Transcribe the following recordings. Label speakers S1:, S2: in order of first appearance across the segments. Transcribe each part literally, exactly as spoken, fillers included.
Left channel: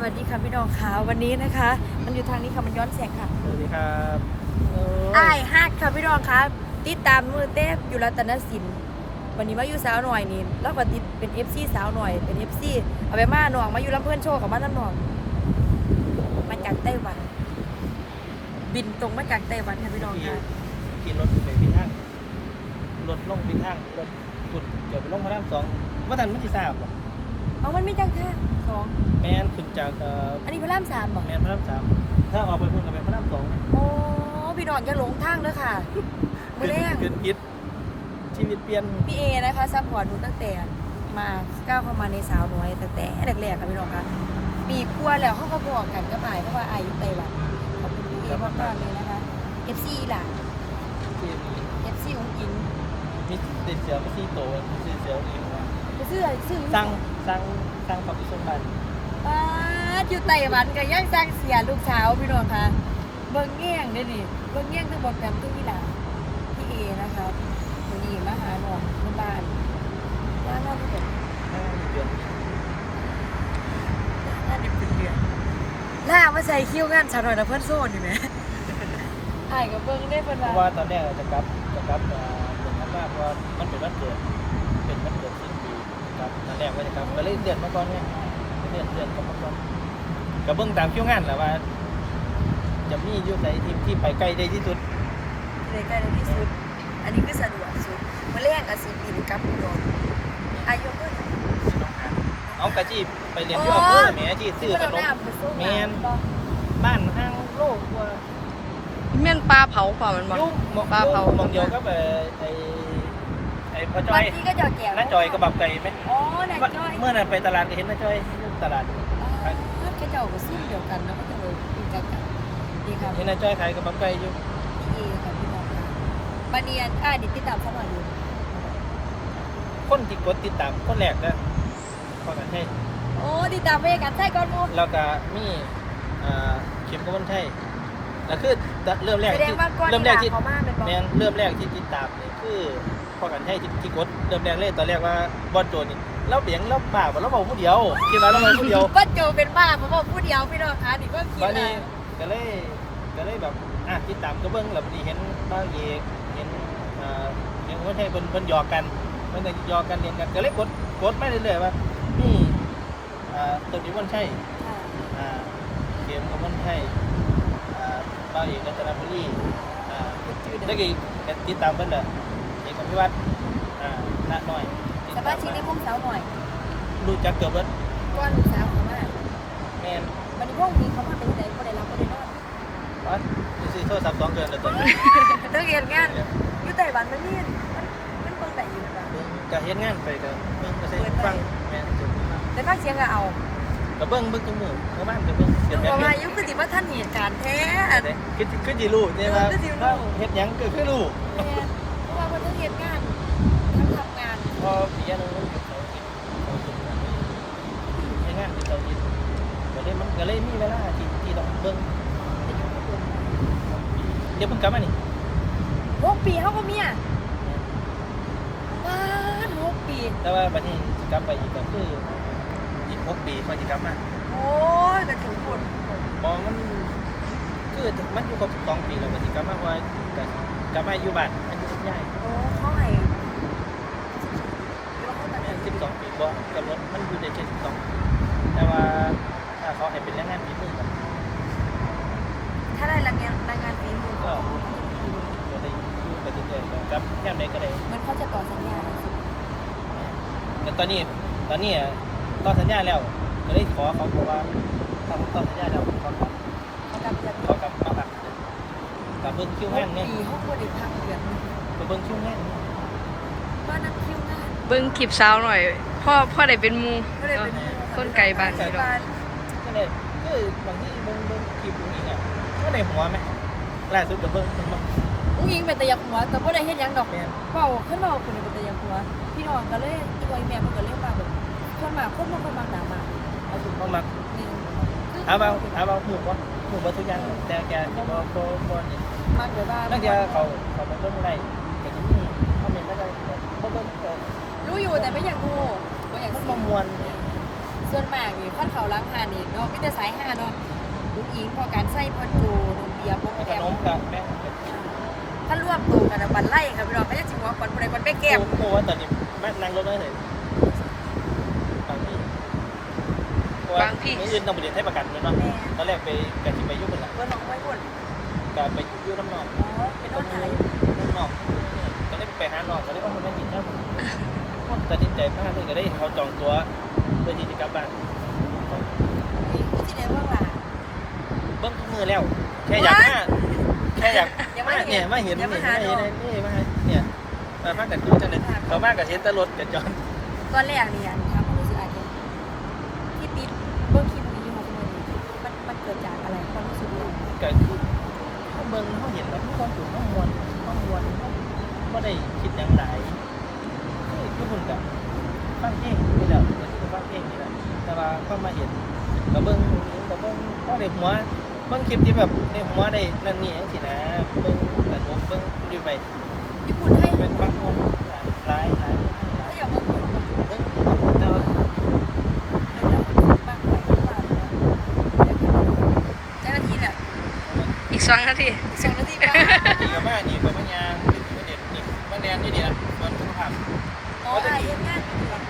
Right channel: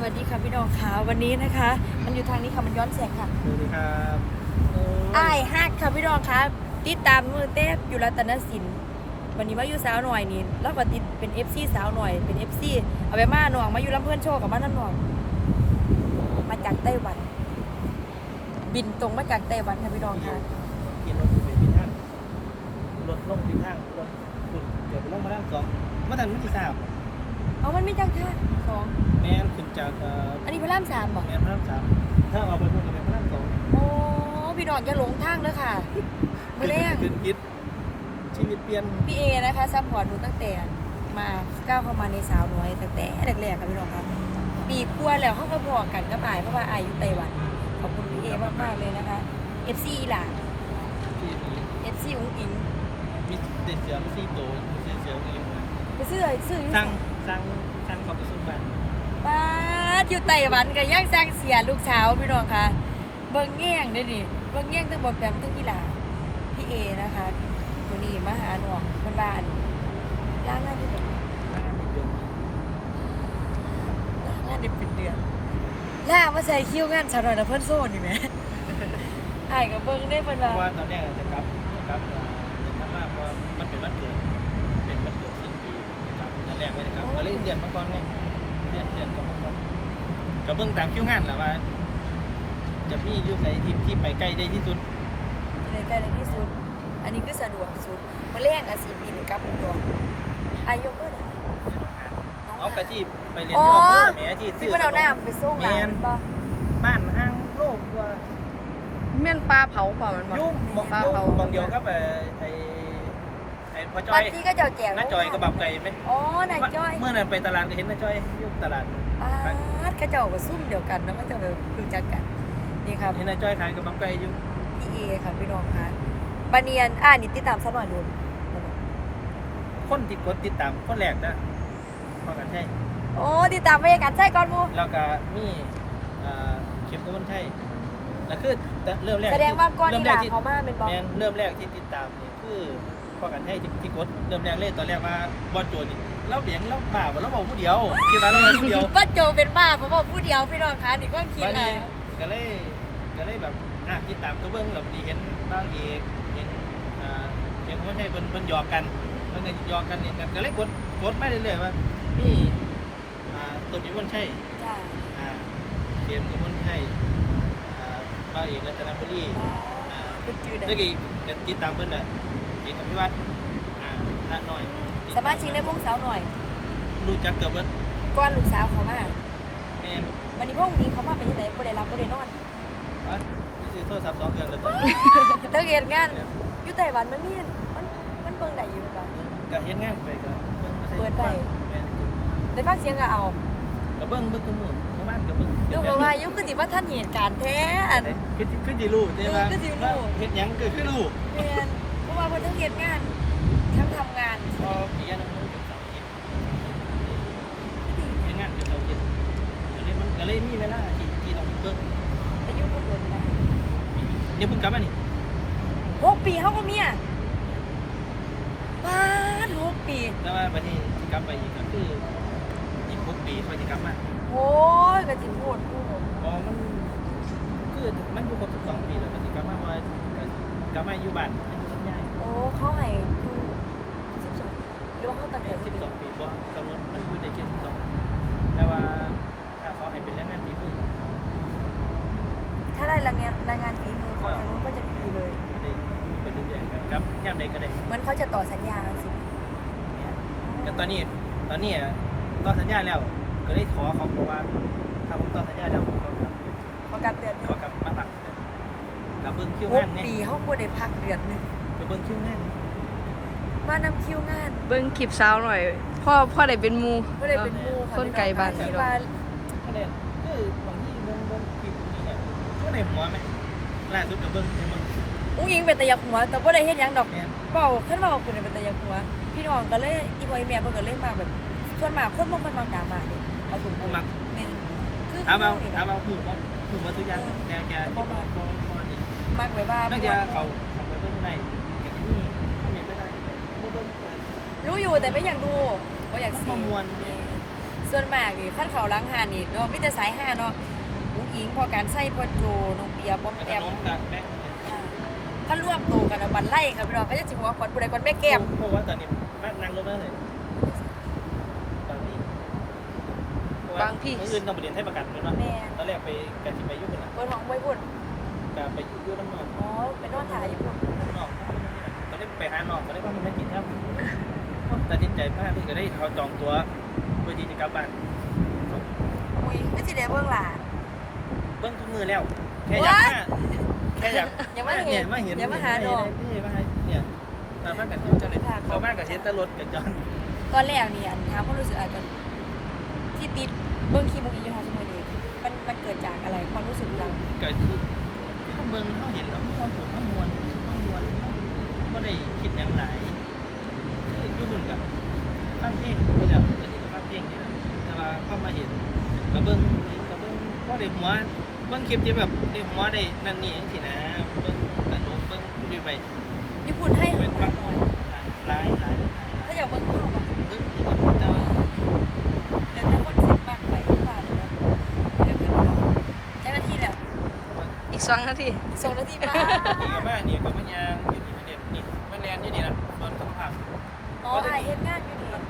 S1: วัสดีค่ะพี่น้องค่ะวันนี้นะคะ มันอยู่ทางนี้ค่ะมันย้อนแสงค่ะ
S2: สวัสดีครับ
S1: ไอ้ฮักค่ะพี่น้องค่ะติดตามมือเต้อยู่รัตนสินวันนี้มาอยู่สาวหน่อยนี่แล้วก็ติดเป็น เอฟ ซี สาวหน่อยเป็น เอฟ ซี เอาไปมาหน่องมาอยู่ลำเพื่อนโชว์กับมาน้ำหน่องมาจากไต้หวันบินตรงมาจากไต้หวันค่ะพี่น้องค่ะ
S2: ขี่รถไปพิทักษ์รถลงพิทักษ์รถขุดเดี๋ยวไปลงมาด้านสองว่าทันไม่ที่ทราบหรอก
S1: เอามันไม่จังท่าสอง
S2: แมนขึ้นจาก
S1: อันนี้พระรามสามบอก
S2: แมนพระรามสามถ้าออกไปพุ่งกับแมนพระรามสอง
S1: โอ้พี่น้องอย่าหลงทางเลยค่ะมือแรก
S2: ขึ้นคิดชีวิตเปลี่ยน
S1: พี่เอนะคะซัพพอร์ตหนูตั้งแต่มาก้าวเข้ามาในสาวน้อยตั้งแต่แรกๆค่ะพี่น้องค่ะปีกลัวแล้วเขาก็บอกกันก็ไปเพราะว่าอายุไต้หวันขอบคุณพี่เอมากๆเลยนะคะ เอฟ ซี ล่ะ เอฟ ซี อุ้งอิง
S2: มีเด็กเสือมีซีโตมีซีเสือเอง
S1: ไปซื้อซื้ออยู่
S2: สร้างสร้างสร้างความสุขกัน
S1: ป้าอยู่ไต้หวันก็ยังสร้างเสียลูกสาวพี่น้องค่ะเบิ้งแง่งได้ดิเบิ้งแง่งทั้งหมดแบบทั้งนี่ล่ะพี่เอนะคะตัวนี้มาหาหน่องบนบ้านล่างหน้าที่เดือนหน้าดิบเดือนล่ามาใส่คิ้วงานชาวหน่อยนะเพื่อนโซ่อยู่ไหมถ่ายกับเบิ้งได้เพื่อนว่า
S2: ว่าตอนแรกจะกลับจะกลับเดือนมากเพราะมันเป็นวันเกิดเป็นวันเกิดสิ้นปีครับนั่นแรกว่าจะกลับก็เลยเดือนมาก่อนเนี่ยเดือนเดือนกับมาก่อนกับเบิ้งตามคิวงานแหละว่าจะมียุคไหนที่ที่ไปใกล้ได้ที่สุด
S1: เลยใกล้ที่สุดอันนี้คือสะดวกสุดมาเลี้ยงกับสีบินกับอุดรอายุเท่าไหร่
S2: เอากระจีบไปเรียนที่อำเภอแม่ที่ซื้อ
S1: เราได้ไปส่งแมน
S2: บ้านห้างโลกว่า
S3: เม่นปลาเผาเปล่ามันบอก
S2: ปลาเผาบางเดียวก็ไปไอไอพ่อจ้อย
S1: ที่ก็จะแจก
S2: น้าจอยก็บับไก่ไหม
S1: อ๋อน้าจอย
S2: เมื่อนั้นไปตลาดก็เห็นน้าจอยลูกตลาด
S1: ฮัดกระเจ้าก็ซุ่มเดียวกันแล้วก็จะไปคุยจักกันนี่ครับ
S2: เห็นน้าจอยขายกับบับไก่อยู่
S1: พี่เอค่ะพี่น้องค่ะมาเนียนอ่านี่ติดตามสมัครดู
S2: คนที่กดติดตามคนแรกนะพ่อกันใช่
S1: โอ้ติดตามบรรยากาศใช่ก่อนมู
S2: แล้วก็มีเข็มกบฏใช่แล้วคือเริ่มแรก
S1: แสดงว่าก่อน
S2: เริ่มแรกที่
S1: เขาบ้านเป็นบอล
S2: เริ่มแรกที่ติดตามเนี่ยคือพ่อกันใช่ที่กดเริ่มแรกเลยตอนแรกว่าบอลโจนี่เราเลี้ยงเราบ้าเราบอกผู้เดียวคิดว่าเราผู้เดียว
S1: บอลโจเป็นบ้าเพราะว่าผู้เดียวพี่น้องคะนี่ก็คิดนะ
S2: ก็เลยก็เลยแบบอ่ะติดตามตัวเบิ้งแบบดีเห็นบ้างเอกเห็นอ่าเห็นคนไทยเพิ่นเพิ่นหยอกกันเพิ่นก็หยอกกันเล่นกันก็เลยกดกดไม่เรื่อยๆว่านี่อ่าตัวนี้มันใช่อ่าเกมก็มันใช่อ่าบ้างเอกรัตนบุรีอ่าตะกี้ก็ติดตามเพิ่นน่ะเอกอภิวัตรอ่าณน้อย
S1: สมาชิกในวงสาวหน่อย
S2: รู้จักเกือบเบิด
S1: ก้อนลูกสาวเขามา
S2: แม่น
S1: วันนี้พวกนี้เขามาเป็นที่ไหนบ่ได้รับบ่ได้นอน
S2: อ๋อนี่โทรศัพท์สองเดือนแล้วจ้ะ
S1: เลิกเรียนงานอยู่ไต้หวันมันนี่มันเป็นเบิ่งได้อยู่ป่ะ
S2: ก็เฮ็ดงานไปก็มีบ่ใช่ฟังแม่น
S1: แต่ฟังเสียงก็เอา
S2: ก็เบิ่งเบิ่งทุกมื้อเมื่อบ้านก็เบิ่ง
S1: ดูว่าอายุคือสิว่าท่านเหตุการณ์แท้
S2: คือคือสิรู้เนี่ยว่าเฮ็ดหยังก็คือรู้
S1: แม่นเพราะว่าเพิ่นต้องเฮ็ดงานทั้งทำงาน
S2: พอปีนึงมันเฮ็ดงานที่เขากินก็เลยมันก็เลยมีเวลาที่ที่ต้องเบิ่ง
S1: อายุก็เกินนะ
S2: เดี๋ยวเพิ่งกลับมานี่
S1: หกปีเฮาก็เมียว้าหกปี
S2: แต่ว่าบัดนี้สิกลับไปอีกก็คืออีกหกปีค่อยสิกลับมา
S1: โอ้ยก็ถึงโหดกู
S2: บ่มันคือมันอยู่ครบสองปีแล้วก็สิกลับมาว่าก็กลับมาอยู่บ้านมันอยู่กับยาย
S1: โอ้เขาให้หรือว่าเขาตั้งแต่
S2: สิบสองปีบ่กำหนดมันอยู่ในเขตสิบสองแต่ว่าถ้าเขาให้เป็นแรงงานฝีมือ
S1: ถ้าได้แรงงานแรงงานฝีมือก็ก็จะดีเลย
S2: ก็ได้ไปเรื่อยๆครับแนวใดก็ได้
S1: มันเขาจะต่อสัญญาเราสิ
S2: แต่ตอนนี้ตอนนี้ต่อสัญญาแล้วก็เลยขอเขาบอกว่าทำต่อสัญญาแล้วขอขอ
S1: เขาการเตือน
S2: ขอกลับมาพักกับเบิ้งคิวงานเนี่ย
S1: ปีเขาควรได้พักเดือนนึง
S2: ไปเบิ้งคิวงาน
S1: มานำคิวงาน
S3: เบิ้งคลิปสาวหน่อยพ่อพ่อได้เป็นมูคนไก่บ้านนี่หรอก
S2: ก็เลยคือบางที่เบิ้งเบิ้งคลิปนี้อ่ะก็ในหัวไหมล่าสุดกับเบิ้งทั้งหมด
S1: อุ้งยิงเป็นตะยักหัวแต่ว่าได้เห็นยังดอกเปล่าขึ้นมาคุณเป็นตะยักหัวพี่น้องก็เลยอีบอยแม่เพิ่งก็เลยมาแบบเพื่อนมาคนมองคนมาด่ามาเลยเอาถุง
S2: มามักเอาเอาเอาเอาหูว่าหูมาทุกอย่างแต่แกบอบอบอบอนี่
S1: มากเลยว่า
S2: ตั้งแต่เขาเขาไปเบิ้งอะไรแต่ที่นี่ทำยังไม่ได้เบิ้ง
S1: รู้อยู่แต่ไม่อยากดูก็อยาก
S2: ซีมวน
S1: ซส่วนมากนี่ขั้นเขาล้างหานนี่เนาะไม่แต่สายห้าเนาะอุ้งอิงพอการใส่พอโจนมเบียร์พอ
S2: ข
S1: แต้ม
S2: นมกับแม่
S1: ขั้นร่วมโตกันนะบันไล่ครับพี่น้องก็จะจิงว่าคนผู้ใดคนแม่แก้ม
S2: โอ้ว่าตอนนี้แม่นั่งรถได้เลยบางพี่เมื่ออื่นต้องไปเรียนให้ประกันด้วยเนาะ
S1: แม่
S2: ตอนแรกไปกะจิไปยุ่งเป็นหลัก
S1: เบอร์น้องไม่พูด
S2: แต่ไปยุ่งน้ำนอง
S1: อ๋อเป็นต้นขายอยู่
S2: น้ำนองก็เลยไปหาน้องก็เลยว่ามันมากินครับตัดสินใจพลาดเลยก็ได้เขาจองตัวเพื่อที่จะกลับบ้าน
S1: ก็สิได้เบื้องหลัง
S2: เบิ้งทุกมือแล้วแค่อยากมาแค่อยาก
S1: ยังไม่เห็
S2: เนี่ย
S1: น
S2: มาเห็น
S1: ยังไม่หา
S2: เห็
S1: น้
S2: น
S1: อง
S2: นี่มาเนี่ยมามากันดูจังเลยเขามากับเห็นตลดกับจอน
S1: ตอนแรกนี่อันถามความรู้สึกอาจจะที่ติดเบื้องคีมุกี้ยี่ห้อสมัยนี้มันมันเกิดจากอะไรความรู้สึกเรา
S2: ก็ที่เขาเบิ้งเขาเห็นแล้วเขาถูกเขามวนเขามวนเขาได้คิดอย่างไรที่บุญกับฟังเพลงนี่แหละก็คือฟังเพลงนี่แหละแต่ว่าเขามาเห็นกับเบิ้งนี้กับเบิ้งเขาเด็กหัวเบิ้งคลิปที่แบบเด็กหัวได้นั่นนี่อย่างสินะเบิ้งกระจกเบิ้งดูไป
S1: ญี่ปุ่นให้
S2: เบิ้งบางคนหลายหลาย
S1: ถ้าอย่างเมืองเข้ามา
S2: เบิ้งแบบเนาะ
S1: แล้วถ้าคนสิบมากไปก็ได้เนาะเจ้าหน้าที่แหละ
S3: อีกสองนาที
S1: สองนาทีมา
S2: ดีกับแม่ดีกับแม่ยางดีกับแม่เด็กดีแม่แดนนี่ดีนะมันสุขภาพ
S1: อ๋อไอ้เฮ็ดงานอยู่เนี่ย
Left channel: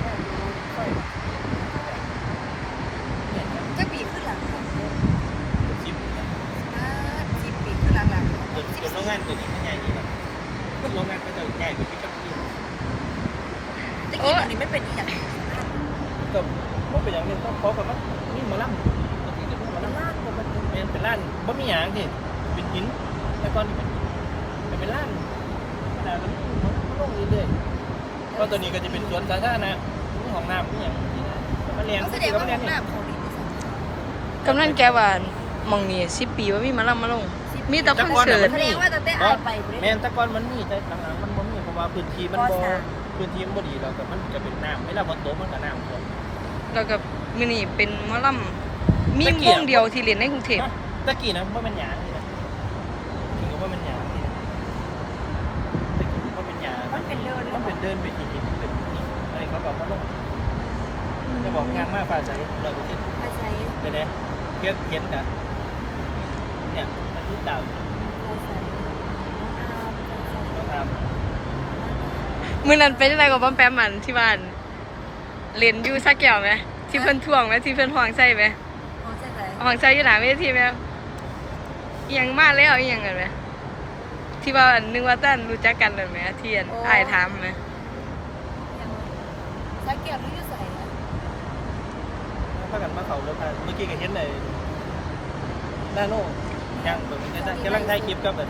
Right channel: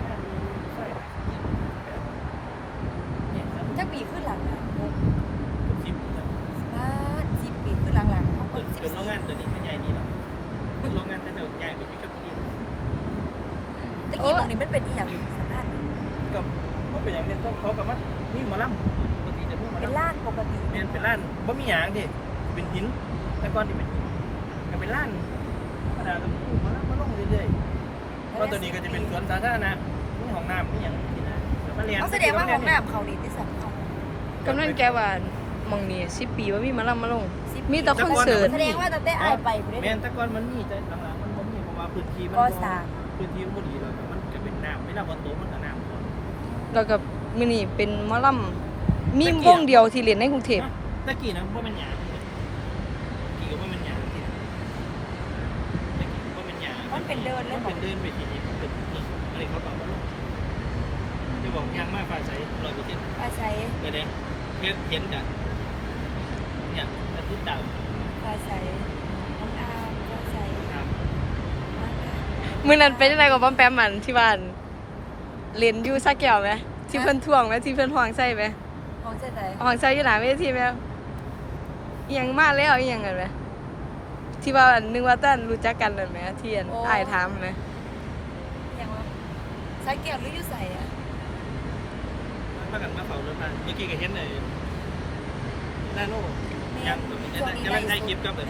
S1: จะปีขึ้นหลังค่ะ
S2: ชิป
S1: อ่าสิบปีขึ้นหลังหลัง
S2: จนจนโรงงานตัวนี้ไม่ใหญ่นี่หรอกโรงงานก็จะใหญ่กว่าที่กับที่
S1: ตะกี้ตอนนี้มันเป็นอีอย่าง
S2: ก็มันเป็นอย่างนี้ต้องขอกับมันนี่มาล่ำปกติจะเพิ่งมา
S1: เป็น
S2: ล่ำ
S1: ลาดปกติ
S2: เป็นเป็นร้านบะหมี่หยางนี่เป็นหินแต่ก่อนนี่เป็นแต่เป็นร้านขนาดเป็นมาล่ำมาลงเรื่อยๆก็ตัวนี้ก็จะเป็นสวนสาธารณะนี่ห้องน้ำนี่อย่างนี้นะแล้วก็เรียน
S1: เขาแสดงว่าห้องน้ำเขาดีที่สุด
S3: กำลังแกว่าหมองนี่สิบปีว่ามีมาลำมาลง มีแต่คอนเสิร์ต
S1: แสดงว่าแต่แต่อายไปบ่
S2: แม่
S1: ได้
S2: นแต่ก่อนมันมีแต่หลังๆมันบ่มีเพราะว่าพื้นที่มัน
S1: ก่อ
S2: บ่
S1: สร้าง
S2: พื้นที่มันบ่ดีแล้วก็มันจะเป็นน้ำเวลาฝนตกมันก็น้ำท่วม
S3: แล้วก็มื้อนี้เป็นหมอลำมีวงเดียวที่เรียนในกรุงเทพ
S2: ตะกี้นะว่าเป็นหยางนี่นะตะกี้ก็ว่าเป็นหยางนี่ตะกี้ว่าเป็นหยาง
S1: มันเป็นเดินเลย
S2: มัน
S1: บอ
S2: เป็
S1: ก
S2: นเดินไปทีนี้เป็นนี่อะไรเขาบอกมาลงจะบอกงานมากฟ้าใสร้อยเปอร์เซ็นต์
S1: อาศัย
S2: เดี๋ยวนะเห็นเห็นกันเนี่ยอาทิตย์ดาว
S1: อาศัยน้องอามอาศัย
S2: ก็ตาม
S3: มื้อนั้นเป็นจังไดกับป้อมแปมมันที่บ้านเรียนอยู่สักแก้วไหมที่เพิ่นท่วงไหมที่เพิ่นฮ้องใส่ไหม
S1: ของใส่ใส่
S3: ฮ้องใส่อยู่หน้าเวทีไหมอีหยังมาแล้วอีหยังกันไหมที่ว่านึกว่าตั้นรู้จักกันนั่นไหมที่อันอ้ายถามไหม
S1: ยังใส่เก็บหรืออยู่ใส่อะ
S2: ถ้ากันมาเขารถไฟนี่กี่ก็เห็นเลยนาโน่ยังผมจะกำลังถ่ายคลิปกับเลย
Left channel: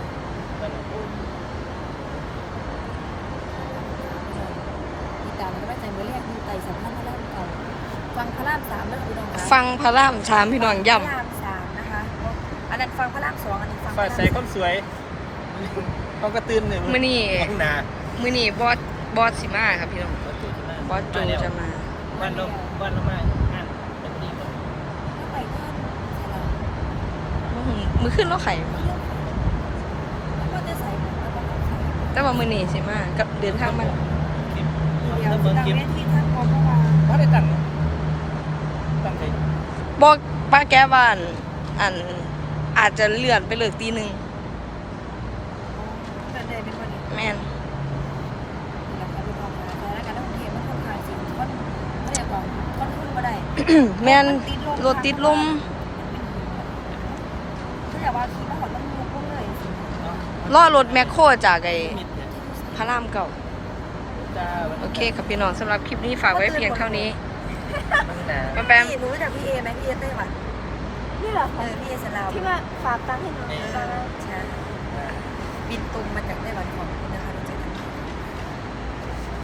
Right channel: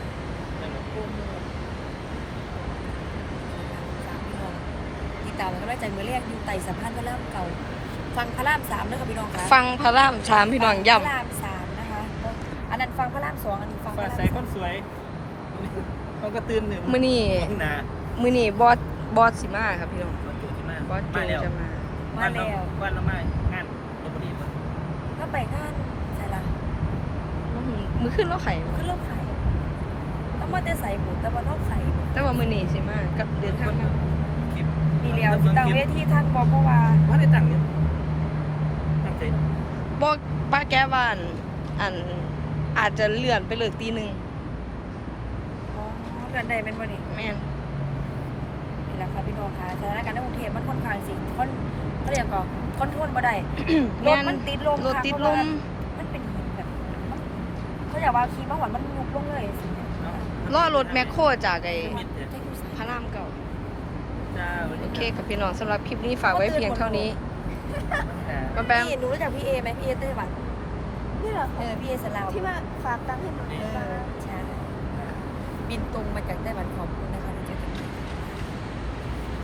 S1: ติดตามมันก็ได้ใจเมื่อเรียกอยู่ไต่สะพานพระรามเก่าฟังพระรามสามแล้วค่ะพี่น้องคะ
S3: ฟังพระรามสามพี่น้องย่ำ
S1: พระรามสามนะคะอันนั้นฟังพระรามสองอันนี้ฟังพ
S2: ฟ้า
S1: ระราม
S2: ใสก็สวยเขาก็ตื่นหนึ่ง
S3: มื้อนี้
S2: หนา
S3: มื้อนี้บอสบอสสิมาครับพี่น้องบอสโจจะมา
S2: บ้านเราบ้านเราไม่งานเราพอดีคน
S1: ก็ไปงานใส่ละ
S3: มื้อหึมื้อขึ้นเราไข่มา
S1: เริ่มขายแล้วมันจะใส่หมูแต่ว่าต้องใส่
S3: แต่ว่ามื้อนี้สิมากับเดินทางมา
S1: ทีเดียวต่างเวทีท่านบอกเพราะว่า
S2: เพราะได้ตั้งตั้งใจ
S3: บอกป้าแก้บ้านอันอาจจะเลื่อนไปเลิกตีหนึ่ง
S1: อ๋อเป็นได้เป็นวันนี้
S3: แม่น
S1: นี่แหละค่ะพี่น้องค่ะสถานการณ์ในกรุงเทพมันค่อนข้างสิค่อนเขาเรียกว่าค่อนทนบ่ได้
S3: แม่น
S1: รถติดลม
S3: รถติดลม
S1: มันเป็นหินแบบเขาอยากว่าขี่มาหอนมันลุกลงเลยสิเนี่ย
S3: ล่อรถแมคโครจากไอ้
S2: มิดเลย
S1: จะอยู่
S3: พระรามเก่า
S2: จ้า
S3: โอเคครับพี่น้องสำหรับคลิปนี้ฝากไว้เพียงเท่านี้ป้าแปม
S1: พี่รู้จักพี่เอไหมพี่เอเต้ยบัตร
S4: นี่เหรอ
S1: เออพี่เอสลาว
S4: ที่ว่าฝากตังค์ให้หนู
S1: เออใช่บินตรงมาจากไต้หวันขอบคุณนะคะที่จะ